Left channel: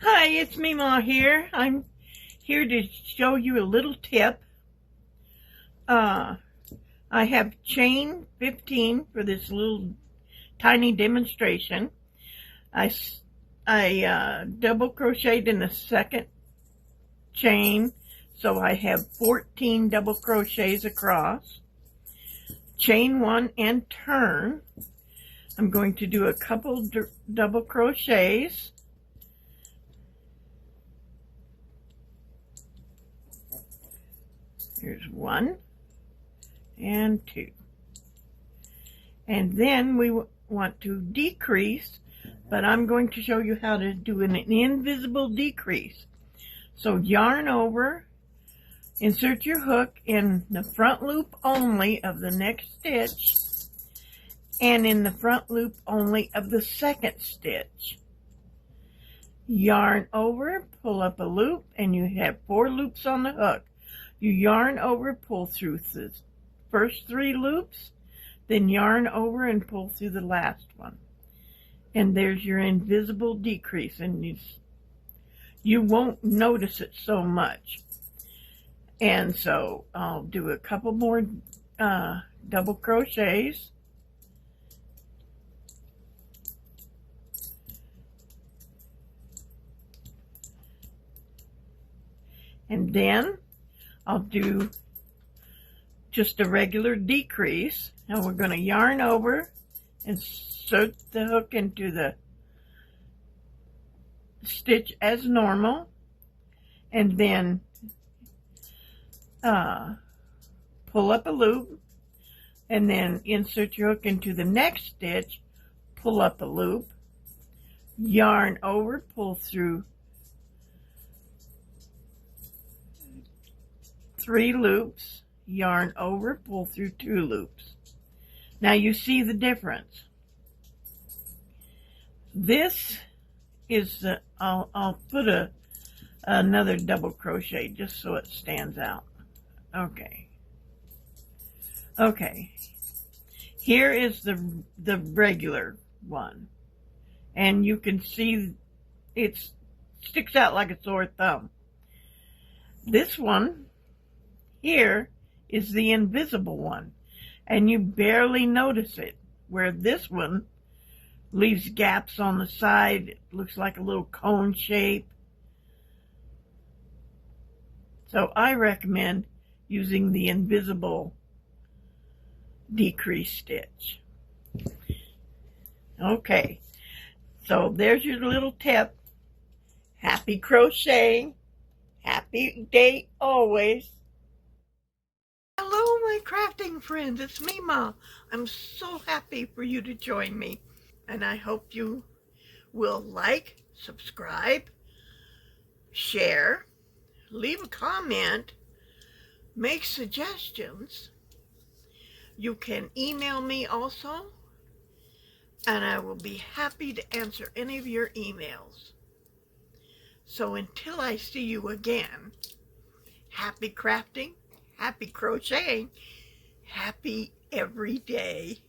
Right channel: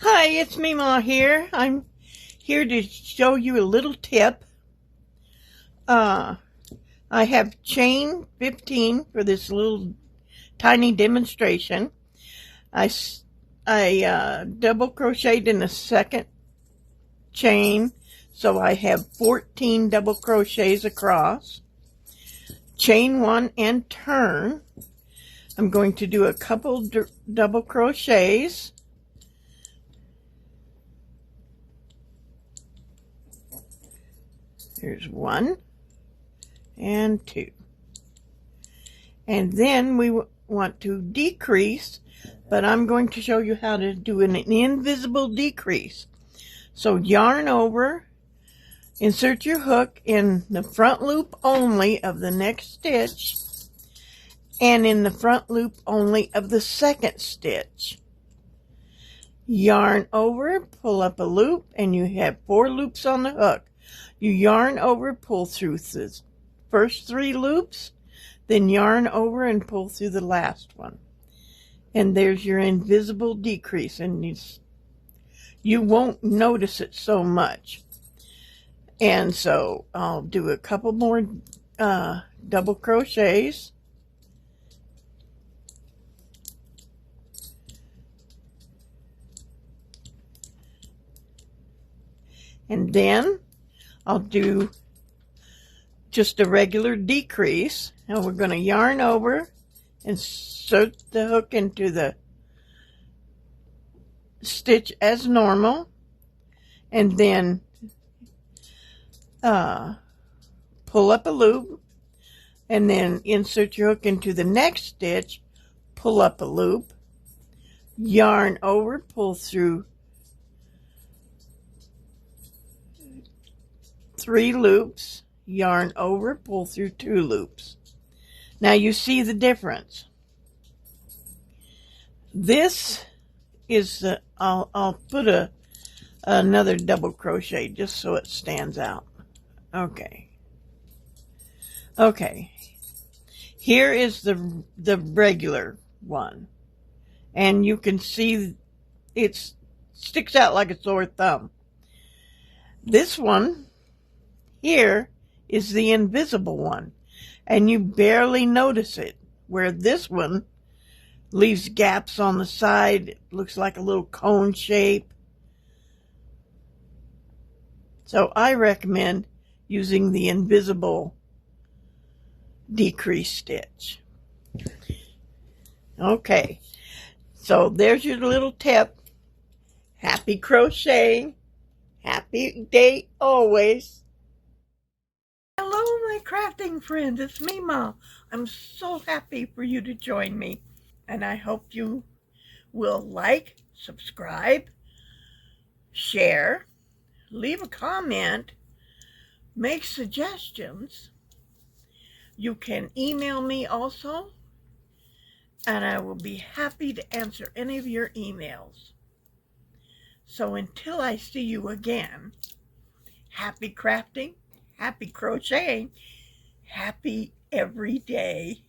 Hi, it's Mema here. I'm here to show you a little tip. I have chain 15 for this little tiny demonstration. I double crocheted in the second chain, so I have 14 double crochets across. Chain 1 and turn. I'm going to do a couple double crochets. There's 1 and 2. And then we want to decrease, but I'm going to show you how to do an invisible decrease. So yarn over, insert your hook in the front loop only of the next stitch and in the front loop only of the second stitch. Yarn over, pull up a loop, and you have 4 loops on the hook. You yarn over, pull through the first 3 loops, then yarn over and pull through the last one. And there's your invisible decrease, and you won't notice it so much. And so I'll do a couple more double crochets. And then I'll do just a regular decrease. Now we're going to yarn over, insert the hook into the stitch as normal, and then pull up a loop, and then insert your hook into the next stitch, pull up a loop, yarn over, pull through 3 loops, yarn over, pull through 2 loops. Now you see the difference. This is the, I'll put another double crochet just so it stands out. Okay. Here is the regular one, and you can see it sticks out like a sore thumb. This one here is the invisible one, and you barely notice it, where this one leaves gaps on the side. It looks like a little cone shape. So I recommend using the invisible decrease stitch. Okay, so there's your little tip. Happy crocheting. Happy day always. Hello, my crafting friends. It's Mema. I'm so happy for you to join me. And I hope you will like, subscribe, share, leave a comment, make suggestions. You can email me also, and I will be happy to answer any of your emails. So until I see you again, happy crafting, happy crocheting, happy every day.